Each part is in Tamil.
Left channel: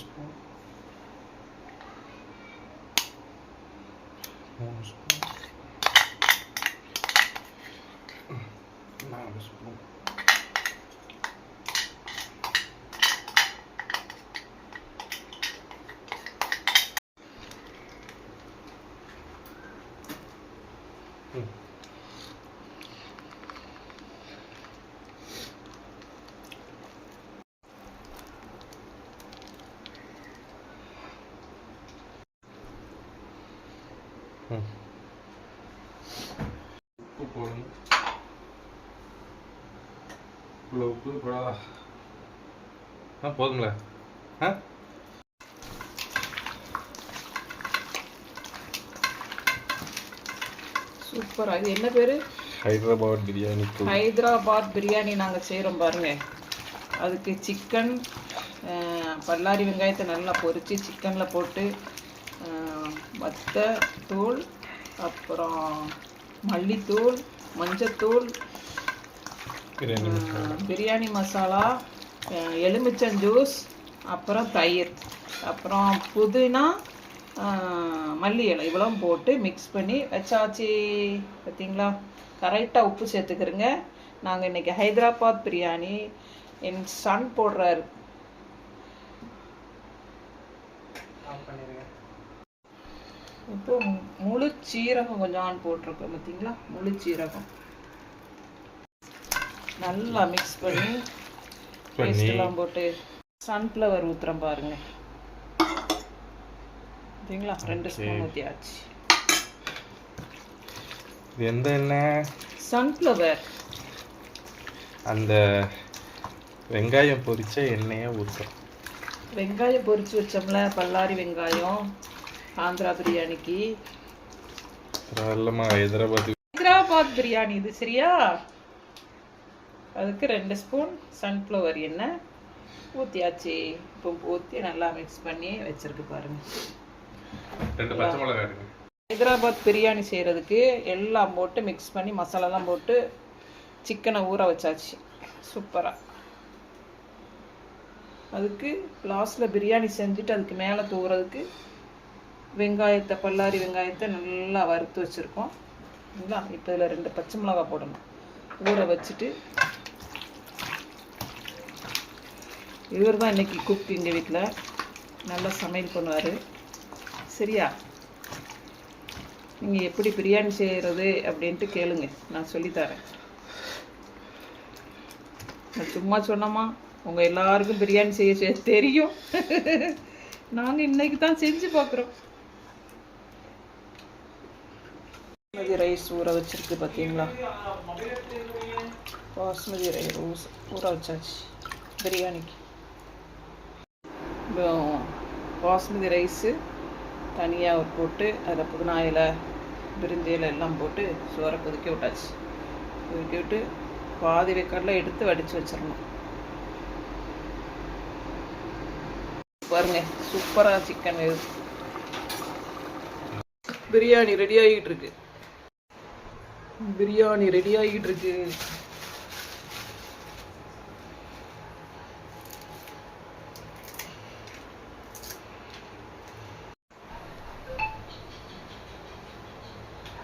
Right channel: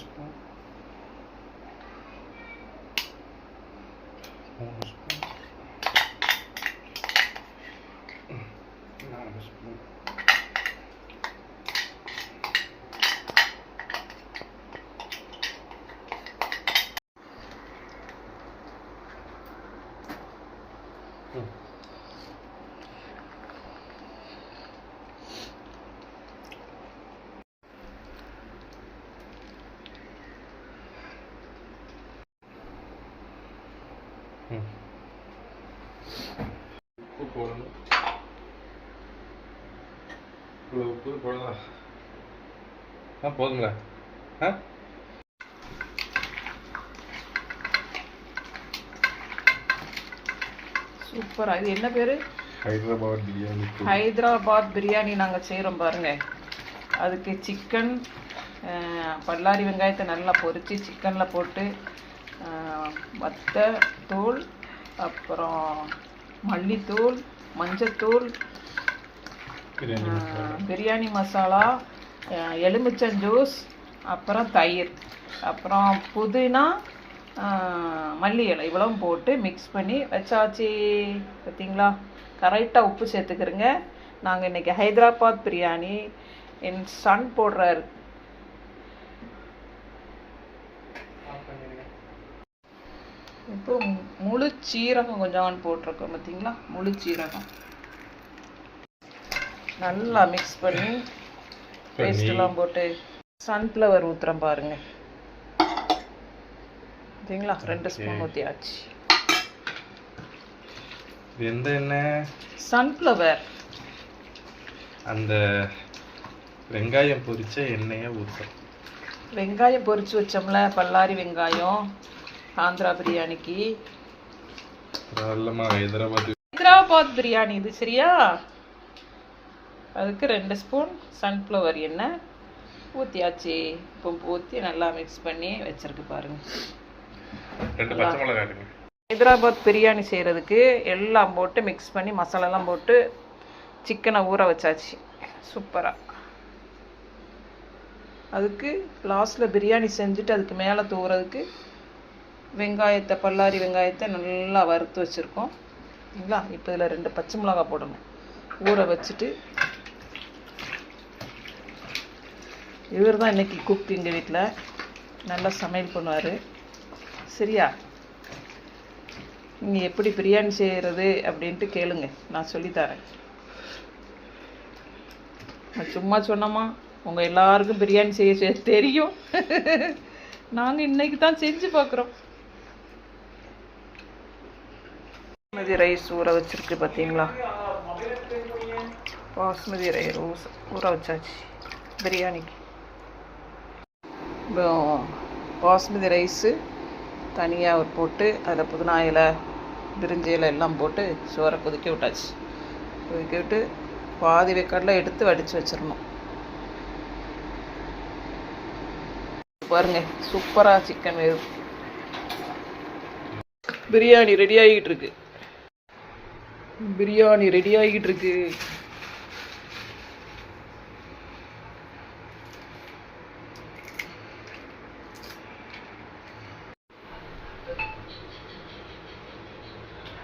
ஸ்பூன் 3 ஸ்பூன் 4 ஸ்பூன் உப்பு போடணும். இவ்வளோ உப்பு போடாதா? போதுங்களா? சூப்பராக. இது என்ன பேர்? ஹைதராபாத் பிரியாணி. ஹைதராபாத் பிரியாணி நாங்கள் செய்கிறோம் பாருங்க. அதுக்கு சிக்கன், பல்லாரி வெங்காயத்தை நல்லா பொரித்து சிக்கனில் போட்டு வத்தத்தூள், அப்புறம் மல்லித்தூள், மஞ்சத்தூள், பிரியாணி மசாலா, எலுமிச்சம் ஜூஸ், அப்புறம் தயிர், அப்புறம் புதினா, மல்லி இலை இவ்வளவும் போட்டு மிக்ஸ் பண்ணி வச்சாச்சு. பார்த்தீங்களா? கரெக்டாக உப்பு சேர்த்துக்கிறங்க. நாங்கள் இன்றைக்கி ஹைதராபாத் பிரியாணி என் சன் போடுறாரு. இப்போ முழு சீரகம் கொஞ்சம் போட்டிருக்கோம். பார்த்தீங்களா? முழு சீரகம் நல்லா மிக்ஸ் பண்ணி பேஸ்டெல்லாம் போட்டு சன்ஃப்ளவர் ஊற்றுறோம் பாருங்க. பார்த்தீங்களா? 2 ஸ்பூன் ஊற்றியாச்சு. எந்த எண்ணெய்? சன்ஃப்ளவர். அந்த வெங்காயம் பொரிச்ச எண்ணெயை ஊற்ற. வெங்காயம் பொரிச்சு வச்சோம்ல, பல்லாரி வெங்காயம் ஆந்திரா பிரியாணிக்கு. ஹைதராபாத் பிரியாணி இது, சரியா? அதுக்கு 2 ஸ்பூன் சன்ஃப்ளவர் எண்ணெய் ஊற்றியாச்சு. இப்போ ஊற்றி நல்லா மிக்ஸ் பண்ணி வச்சிருக்கு பாருங்க. 2 பச்சை மிளகாய். ஹைதராபாத் பிரியாணி செய்கிறதுக்கு எல்லாம் போட்டு மிக்ஸ் பண்ணி மசாலாலாம் போட்டு சிக்கனை ஊற வச்சாச்சு. சூப்பராக. அதுக்கு லாஸ்ட்டில் பிரியாணி செஞ்சுட்டு அதுக்கு மேலே தூவுறதுக்கு வெங்காயத்தை, பல்லாரி வெங்காயத்தை நல்லா வறுத்து வச்சுருக்கோம். சரிங்களா? இப்போ இதில் 2 பச்சை மிளகாய் போடணும். ஊற வச்சுட்டு இவர் தான் இன்றைக்கி குக் எங்கள் வீட்டில். நல்லா சமையல் பண்ணுவார். சரியா? நீங்கள் எப்படி பிரியாணி செய்கிறது அப்படின்ட்டு கேளுங்க, நான் சொல்லித்தரேன். நான் சும்மா சொன்னோமா? உங்கள் எல்லாருக்கும் பிரியாணி செய்ய தெரியும். நாங்கள் இன்னைக்கு தான் செஞ்சு பார்க்குறோம். பாஸ்மதி ரைஸ் ஊற வச்சுருக்கு. பார்த்தீங்களா? பாஸ்மதி ரைஸ் ஊற வச்சாச்சு பிரியாணிக்கு. பாஸ்மதி ரைஸு தனியாக போட்டு அதில் புதினா இலை, பிரிஞ்சி இலை எல்லாம் போட்டு சோறை கொதிக்க விட்டாச்சு. கொதிக்க விட்டு பாதி வேக்காடில் எடுத்து வடித்து வச்சிடணும். பாருங்க, சூப்பராக சிக்கன் வேகும். பிரியாணி ரெடி ஆகிட்டு இருக்கு. பிரியாணி ரெடி ஆகிட்டு இருக்கு.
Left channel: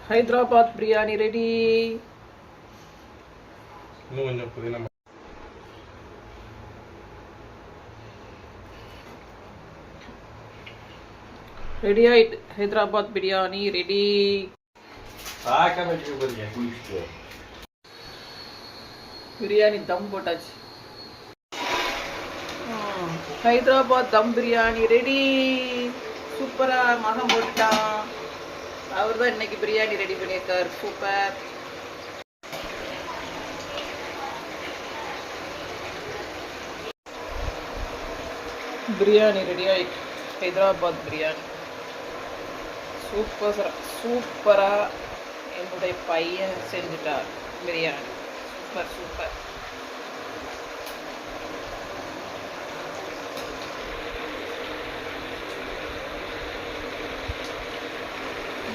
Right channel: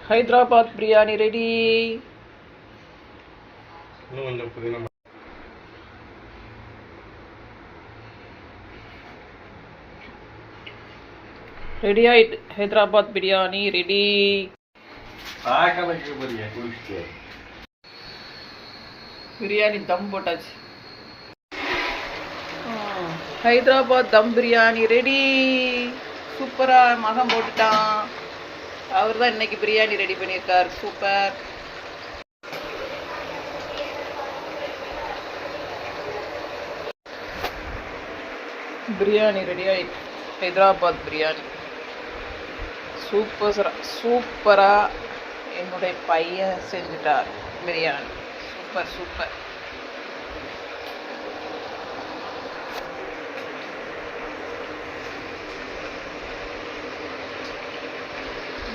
ஹைதராபாத் பிரியாணி ரெடி. ரெடி ஆயிட்டு. ஹைதராபாத் பிரியாணி ரெடி. பிரியாணி தம் போட்டாச்சு. ஹைதராபாத் தம் பிரியாணி ரெடி. சூப்பரா மகம் போட்டுட்டான். அவர் தான் இன்னைக்கு பிரியாணி ரெடி பண்ணியிருக்கார். சூப்பர். பிரியாணி ரெடி ஆயிட்டு. ஹைதராபாத் பிரியாணி சூப்பரா என்னுடைய பையன் செஞ்சுட்டார் பிரியாணி. Super super.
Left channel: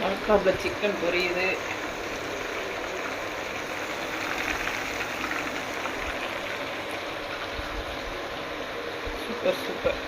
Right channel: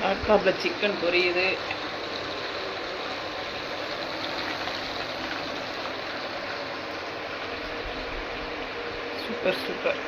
லேப்டாப்பில் சிக்கன் பொரியுது. Super super.